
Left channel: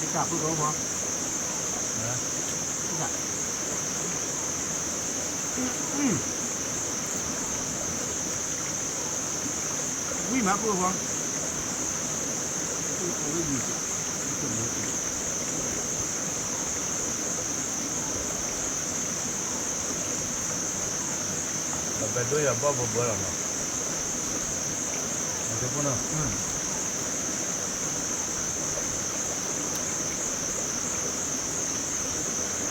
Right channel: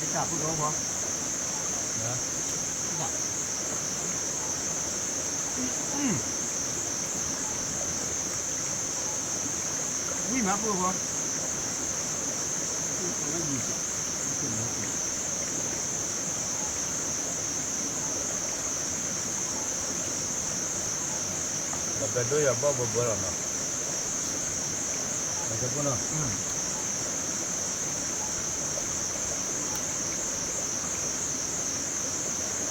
这个不多不？啊？这个。为嘛不多？这个意思，怎么讲？那边都要包不了呢，那就不能。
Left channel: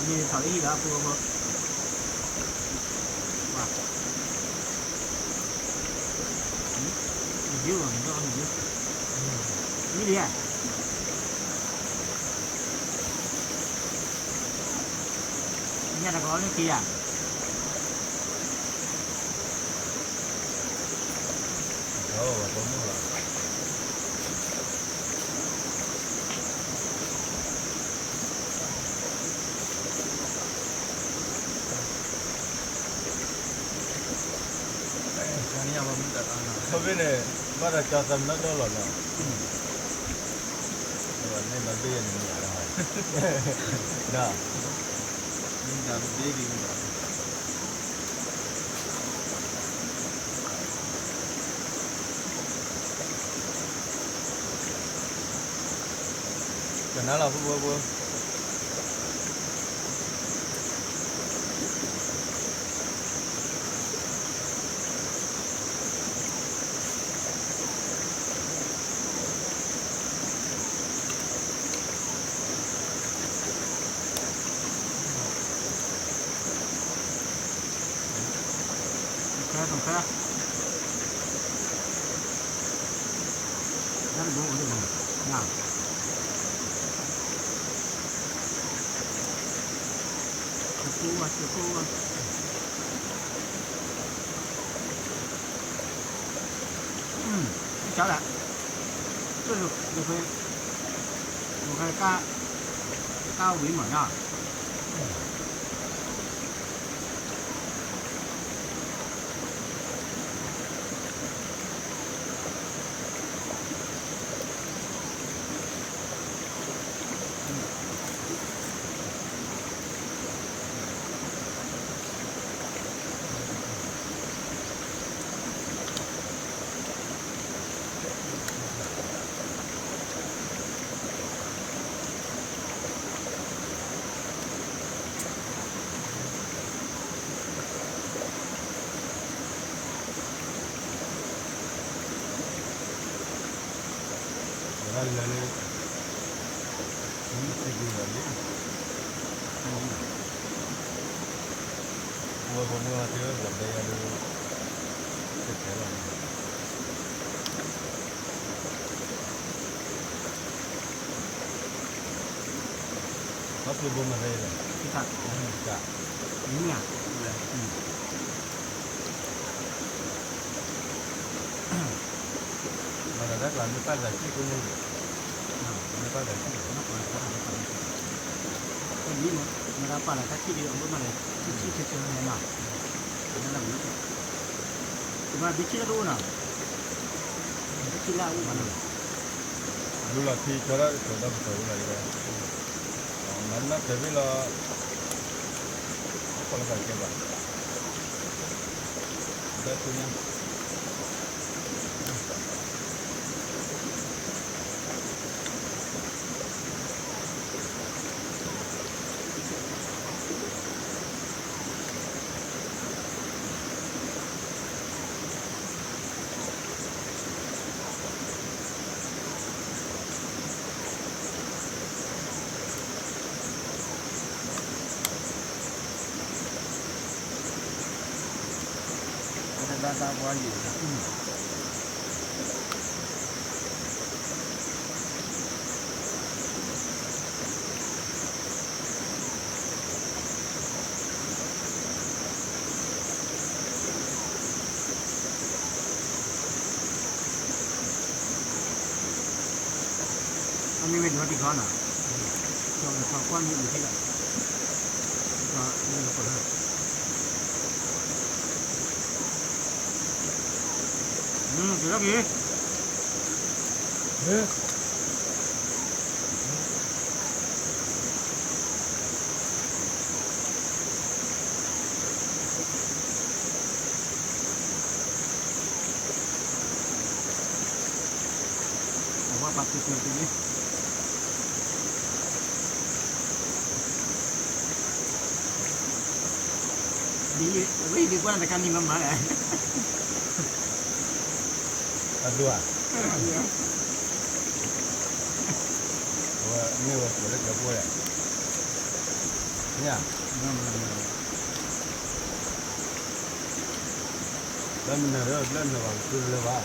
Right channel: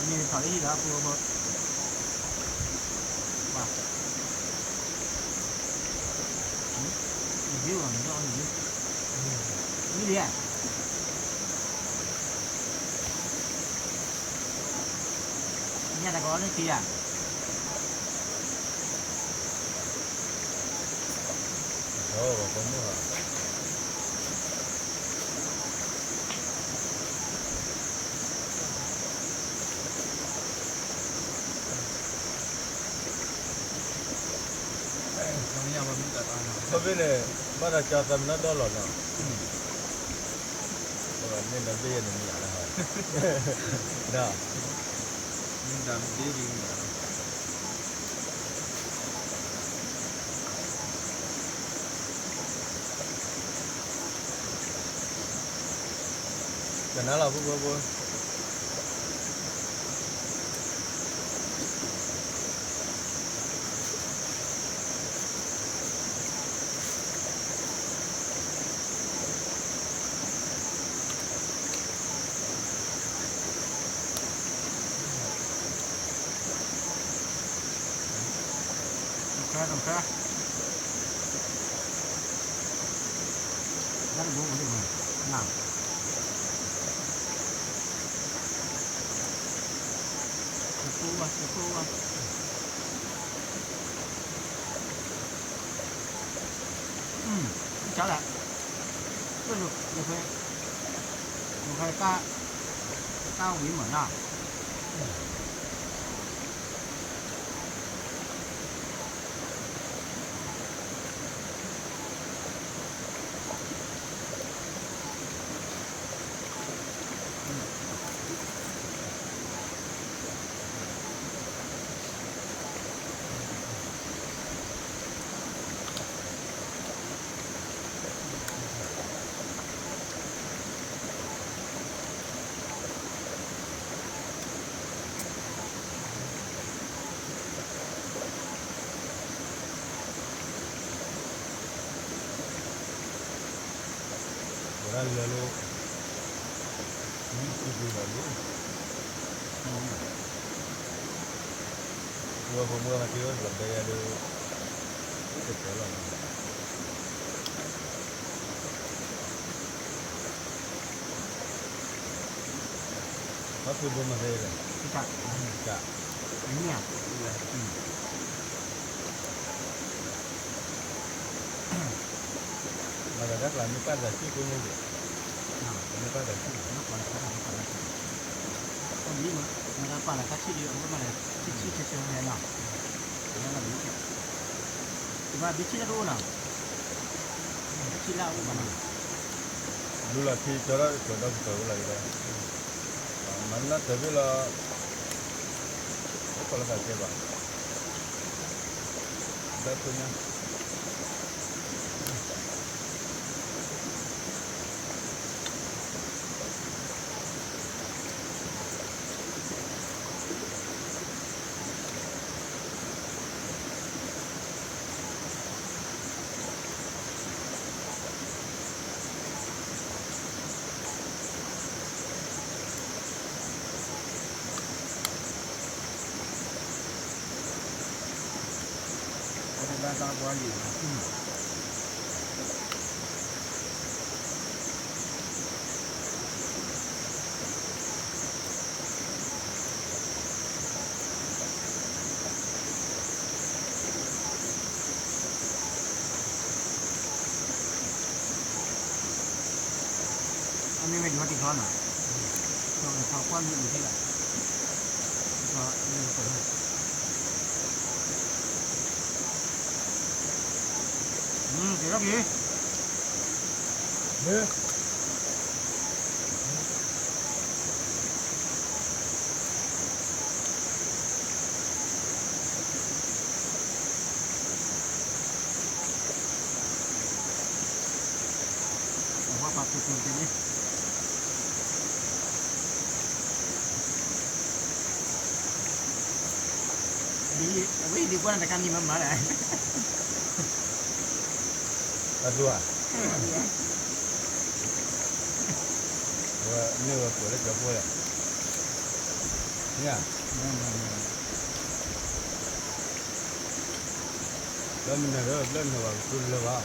你炒的一点不多不？哇！你就你告诉你，你脸，你看那个那kia，哦，不弄了。你要不你再干哪？这边呢，把它加上那到了呢。对吧？那边也能养的哈。那。你咱们这里的。在哪了？不。懂开，那是我这个，那，这锅啊，小了，这就可以，我看加尾门啊。Allele, ini sih lagi. Mua mà chưa làm đây ada sekali lah. Masih belum ada ya? Kita. Ini ya. Mà rất là mấy phát là chi cũng như vậy. Mấy phát là chi. Nó còn là cái gì? Cái gì mà nó phải là cái chi đi ông mà này chi này nào. Nó là gì? Mà bị chi đâu nào? Cái chi là u mà nào? Dulu lah thi cara sudah baru lagi dah. Mana tapi lah apa lah saja bah. Betulnya. Ra bao nhiêu? ไม่เป็นวัดที่เขาน่ะเขาคว้ามีอยู่ที่ไหนก็นี่ก็เปิดเดี๋ยวแล้วกี่แต่ว่าปัดเกินไปนี่ดีกว่าแต่การนี้มันมาเลย Adua. Wah, ini wah boleh jauh boleh. Iya. Belum bang, tu lepas.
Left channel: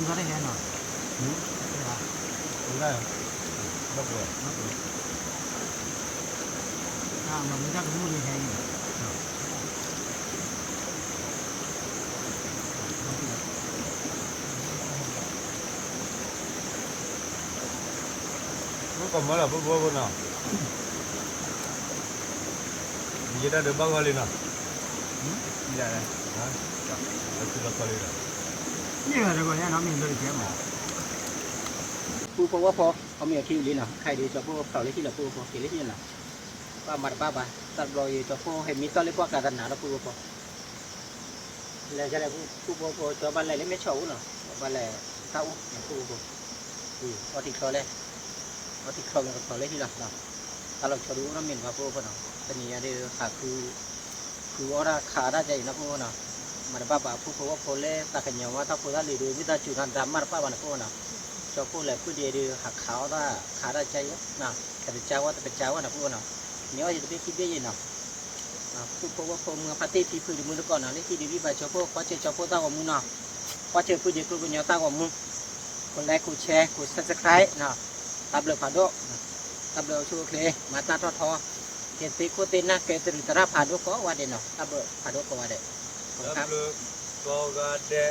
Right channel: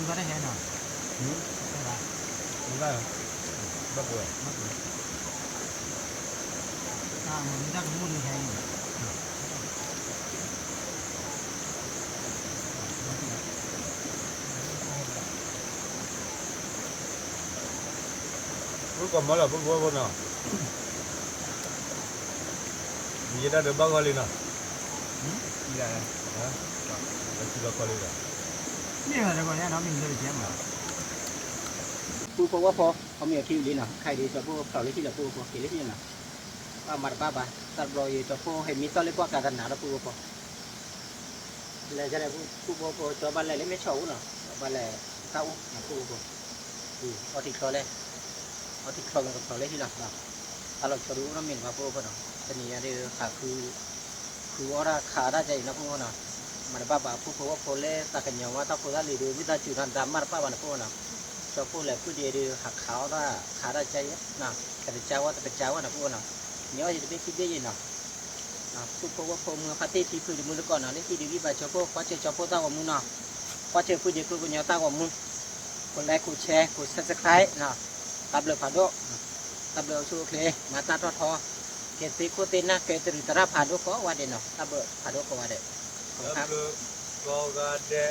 Juga ada yang nak. Enggak. Berapa? Ah, kita kamu ni yang ini. Còn mới là bố nào? Gì đã được bao nhiêu nào? Dạ. Hả? Đã chưa được bao nhiêu rồi? นี่มันก็เนี่ยน้ำมีเลยเจ้ามาผู้พว่าพอเขามีคิวลีน่ะใครดีจะผู้เขาเลี้ยที่ละผู้พอเกลี้ยที่น่ะป้ามาป้าบ้าตัดรอยจะผู้ให้มีตอนเล็กกว่าการหนาละผู้พอแล้วจะได้ผู้พอจะบ้านอะไรไม่เช่าเนาะบ้านอะไรเต้านะผู้พอเอาที่เขาเลยเอาที่เขาเนี่ยเขาเลี้ยที่ละนะถ้าเราจะรู้น้ำมีว่าผู้พอเนาะแต่นี่อะไรขาคือว่าขาได้ใจนะผู้เนาะมาบ้าบ้าผู้ว่าพอเล่ตาขันยาวว่าถ้าผู้ได้ลีดูวิธีจุดทันดำมาป้าบ้านผู้น่ะชอบผู้แหล่ผู้เดียร์หักขาวได้ขาได้ใจน่ะแต่เป็นเจ้าว่านะผู้น่ะเนี้ยจะเป็นที่เบี้ยน่ะผู้ว่าพอเมื่อพัฒน์ที่พื้นมือก่อนน่ะเรื่องที่ดีวิบัติชอบผู้คว้าเจอชอบผู้ตั้งว่ามือน่ะคว้าเจอผู้เดียร์ผู้เนี้ยตั้งว่ามือคนแรกกูแชร์กูซับสไครต์น่ะตับเลือผ่านโดตับเลือชูเคลมาตาทอเกติโคเตน่ะเกติริตระผ่านโดก็ว่าเด่นเนาะตับเลือผ่านโดก็ว่าเด่นLalu kau ada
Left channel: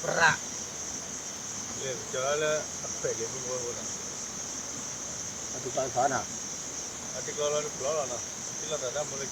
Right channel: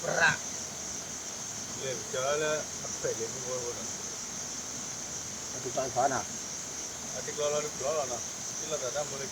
perak. Lep jalan apa lep buat nak? Ati kalau sana. Ati kalau ada perak nak. Sila dah mulai